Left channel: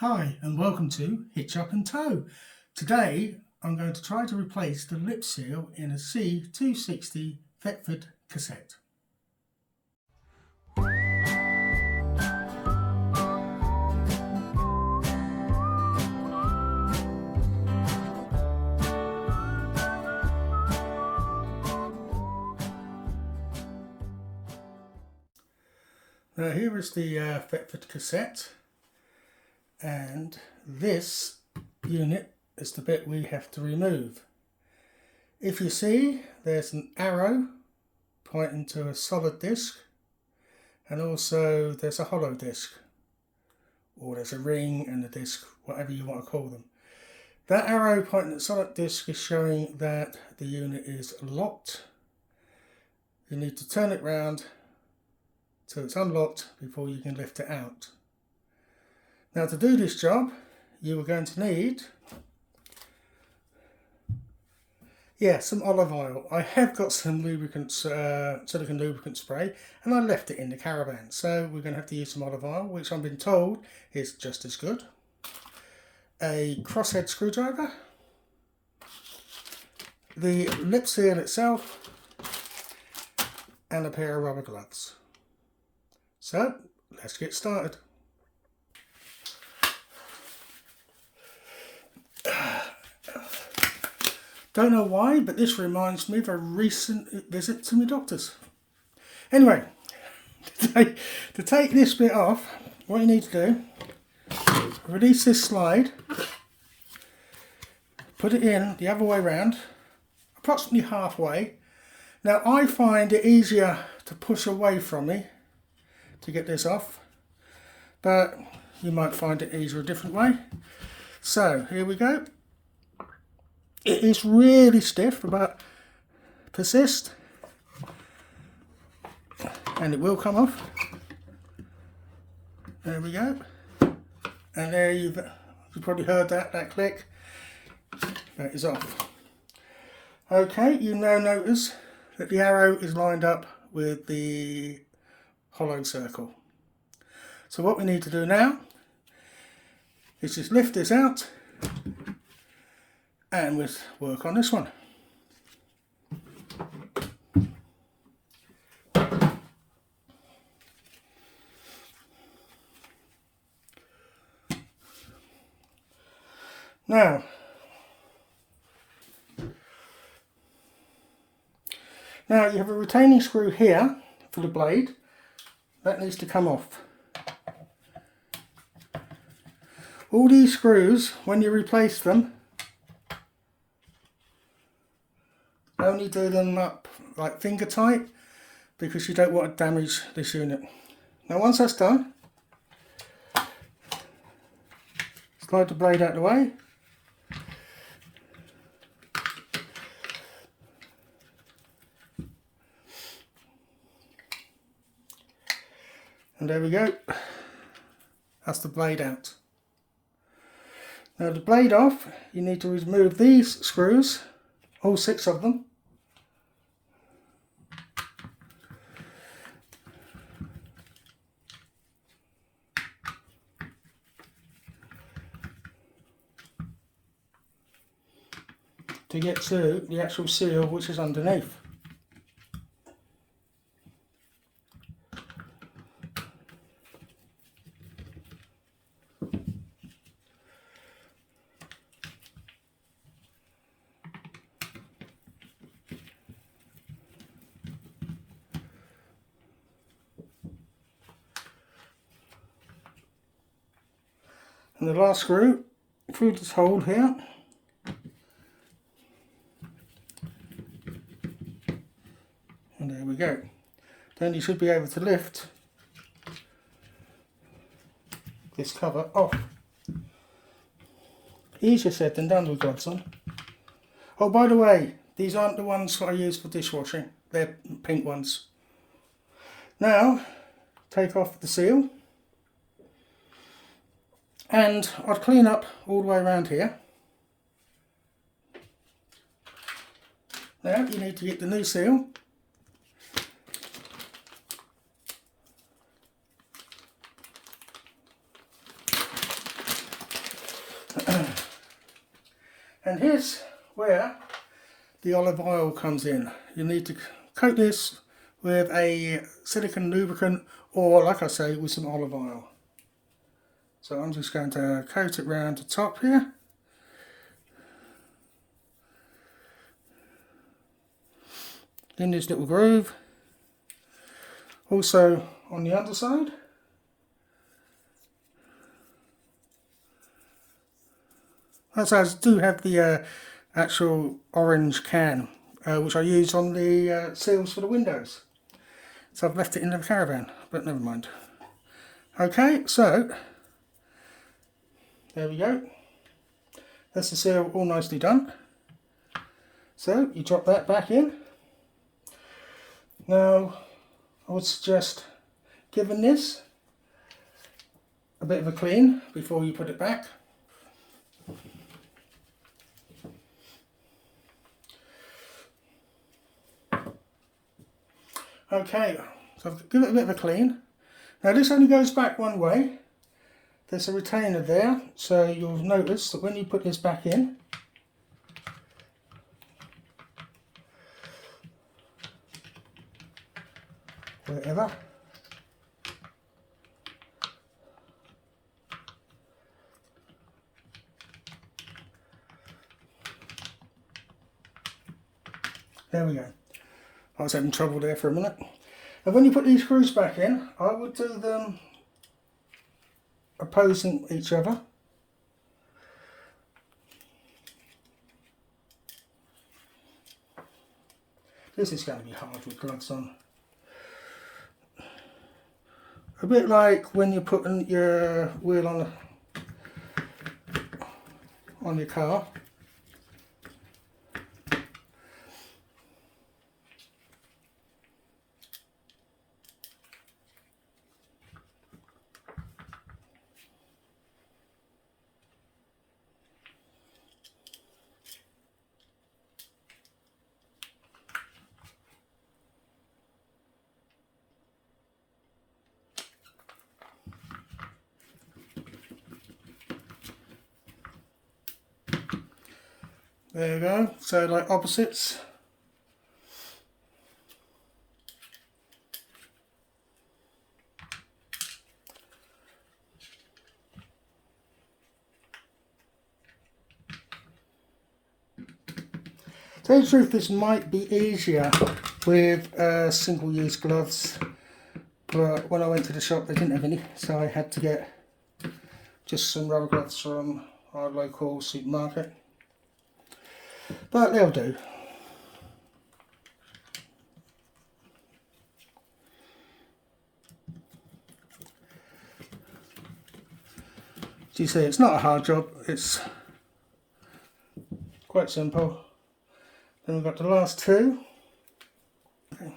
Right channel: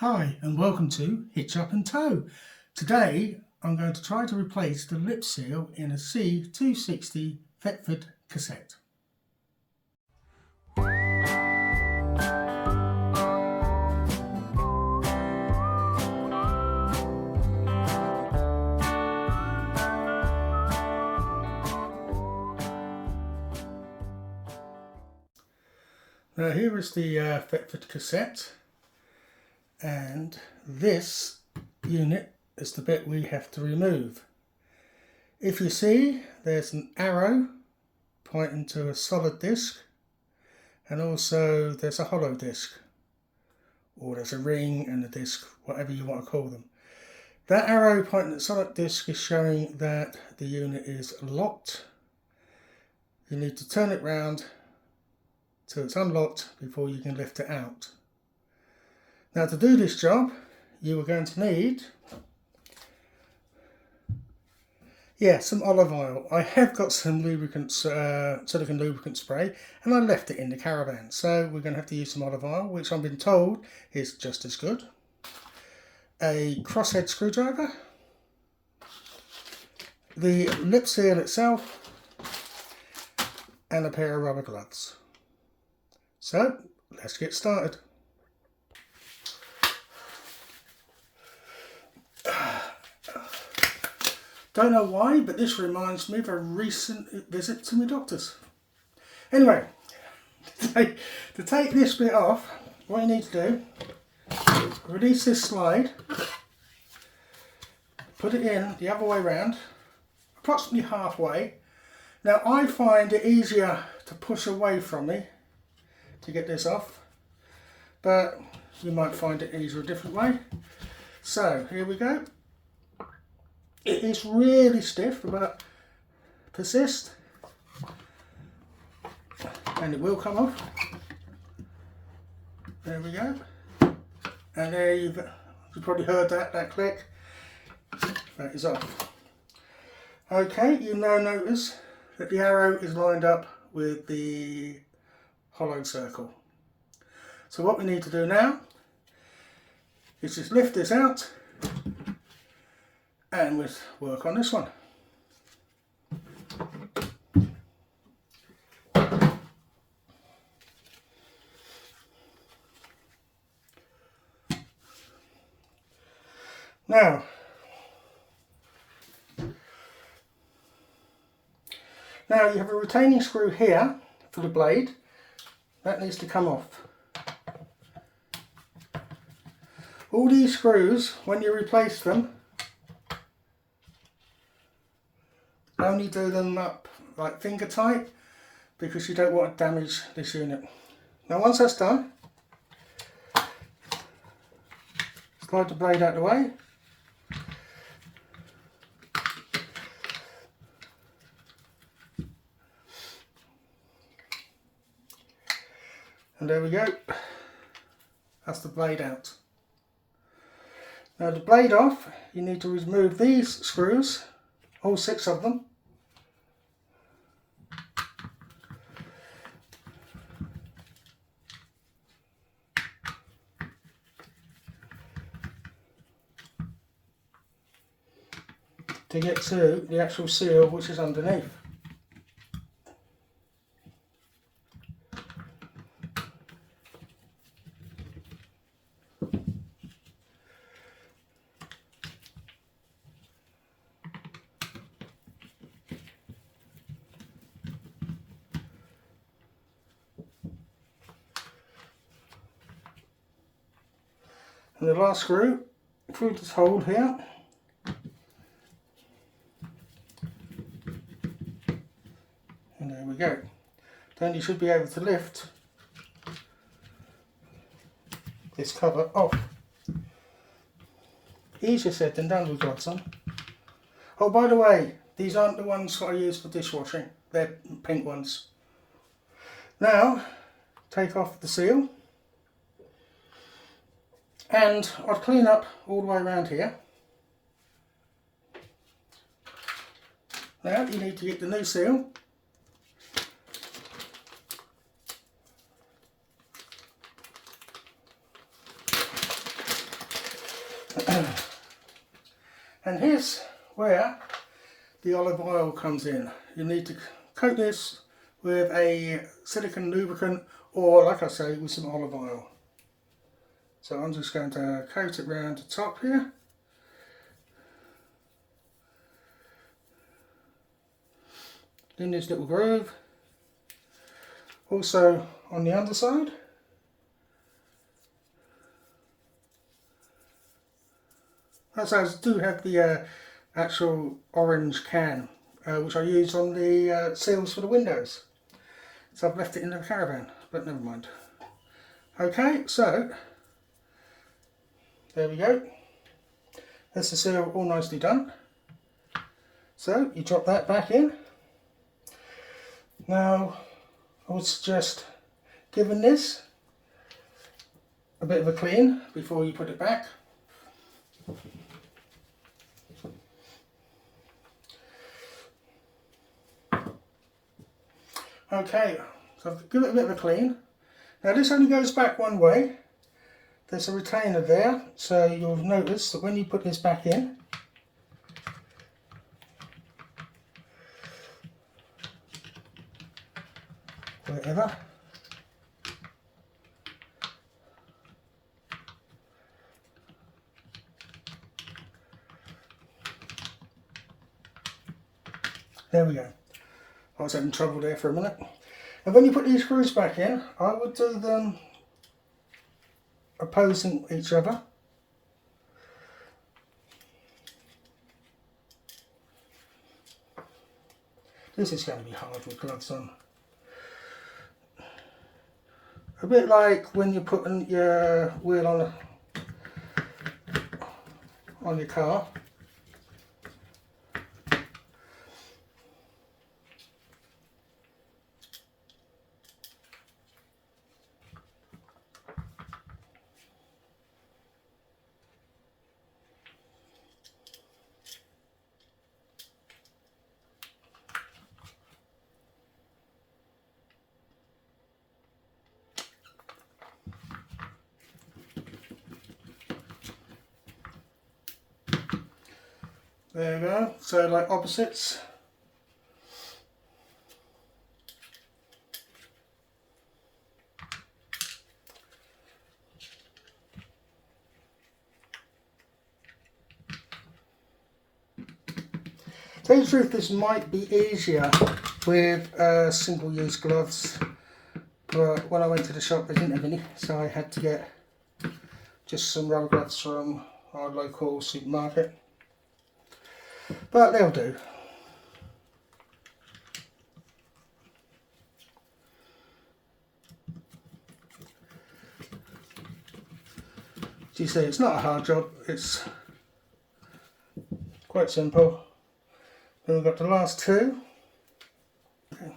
Hi and welcome to HitchUpAndTow. Today I'm going to try to replace the lip seal in a C260 Thetford cassette. Now here is the Thetford cassette, and this unit is the bit we have to remove. If you see, there's an arrow pointing to a solid disc, and also there's a hollow disc, or there's a ring and a disc, whatever you want to call them. That arrow pointing at the solid disc is showing that the unit is locked. You need to turn it round till it's unlocked before you can lift it out. Now, to do this job, you are going to need some olive oil. I have got some lubricant, silicone lubricant spray, and I left it in the caravan, so we're going to have to use some olive oil, which I've been told is just as good. A crosshead screwdriver, the lip seal itself, and a pair of rubber gloves. So let's get started. Don't know why, but this reminds me of a recent visit to my doctor's. Anyway, to take this bit off, what you need to do is release this slide, put it in the other way round, approximately halfway. Now I find it easier to push away from me to get this off, but you might find it easier a different way. So here we go. It is really stiff, but persist, and it will come off. There we go. And there you've probably heard that click. That is off. Okay, you now notice that the arrow is lined up with the hollow circle. So what we need to do now is just lift this out, and we'll work on this one. Now, you have a retaining screw here for the blade. That needs to come off. All these screws, when you replace them, only do them up like finger tight, because you don't want to damage this unit. Now once that's done, slide the blade out of the way. And there we go. That's the blade out. Now the blade off, you need to remove these screws, all 6 of them. To get to the actual seal, which is underneath. And the last screw through this hole here. And there we go. Then you should be able to lift this cover off. Easier said than done with gloves on. Oh, by the way, these aren't the ones that I use for dishwashing. They're pink ones. Now, take off the seal. And I'd clean up all the way around here. Now you need to get the new seal. And here's where the olive oil comes in. You need to coat this with a silicone lubricant, or like I say, with some olive oil. So I'm just going to coat it round the top here. In this little groove. Also on the underside. As I do have the actual orange can, which I use on the seals for the windows. So I've left it in the caravan, but never mind. Okay, so there we go. That's the seal all nicely done. So you drop that back in. Now I would suggest giving this a bit of a clean before you put it back. Okay, so give it a bit of a clean. Now this only goes back one way. There's a retainer there, so you'll notice that when you put this back in, wherever, there we go. I was having trouble there for a minute. And when you put these screws back in, I would do them opposing each other. This is going to be hard with gloves on. A bit like when you're putting your wheel on your car. There you go, so like opposites. To tell you the truth, this might be easier with single-use gloves, but when I went to the shop they didn't have any, so I had to get just some rubber gloves from our local supermarket. But they'll do. As you see, it's not a hard job, it's quite simple. Then we've got the last two. Okay.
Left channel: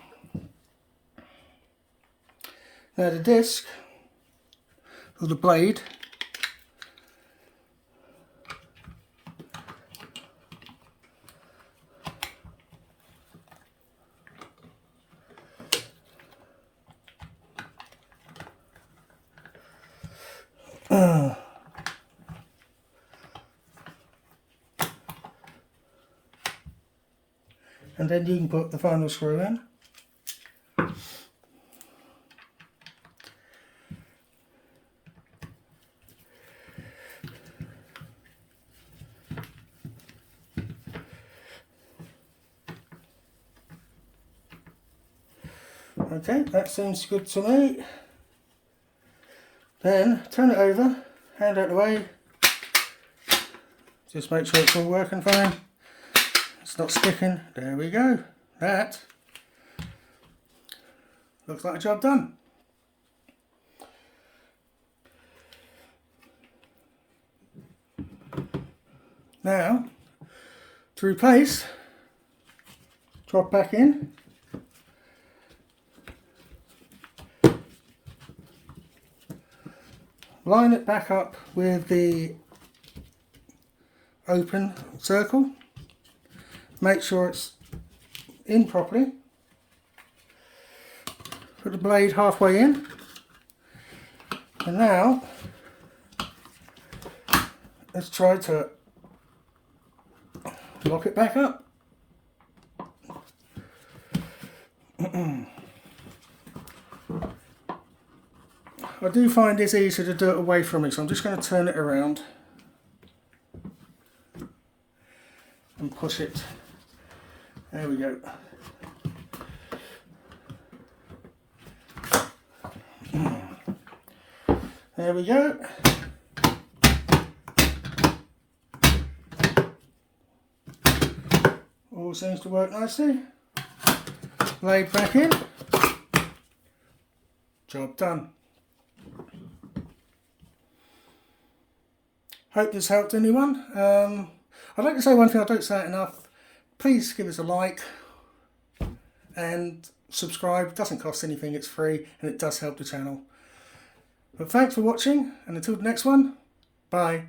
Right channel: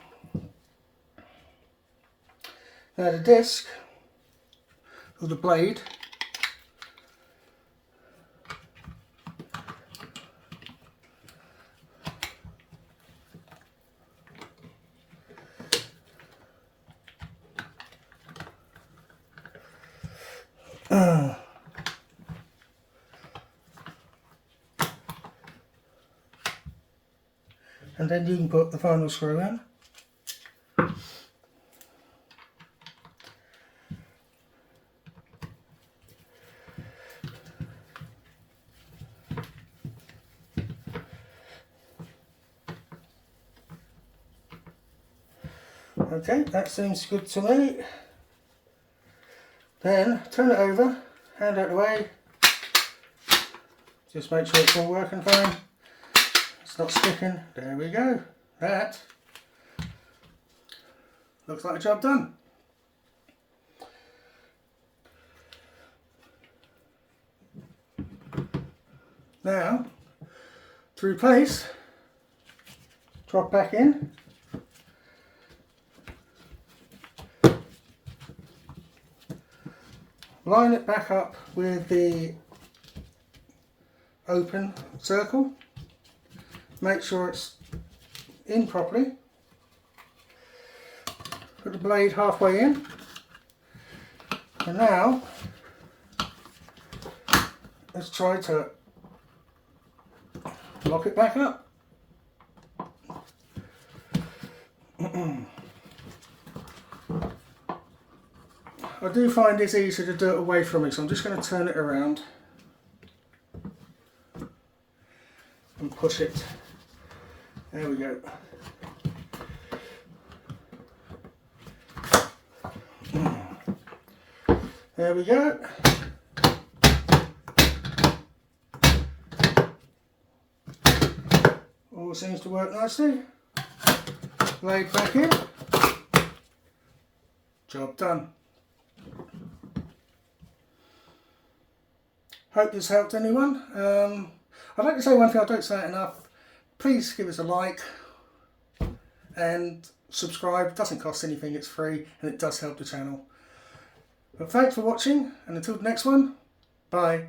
Now the disc, or the blade, and then you can put the final screw in. Okay, that seems good to me. Then turn it over, hand out the way. Just make sure it's all working fine. It's not sticking. There we go. That looks like a job done. Now, to replace, drop back in. Line it back up with the open circle. Make sure it's in properly. Put the blade halfway in. And now, let's try to lock it back up. I do find it's easier to do it away from me, so I'm just going to turn it around and push it. There we go. There we go. All seems to work nicely. Laid back in. Job done. Hope this helped anyone. I'd like to say one thing, I don't say it enough. Please give us a like and subscribe. It doesn't cost anything, it's free, and it does help the channel. But thanks for watching, and until the next one, bye.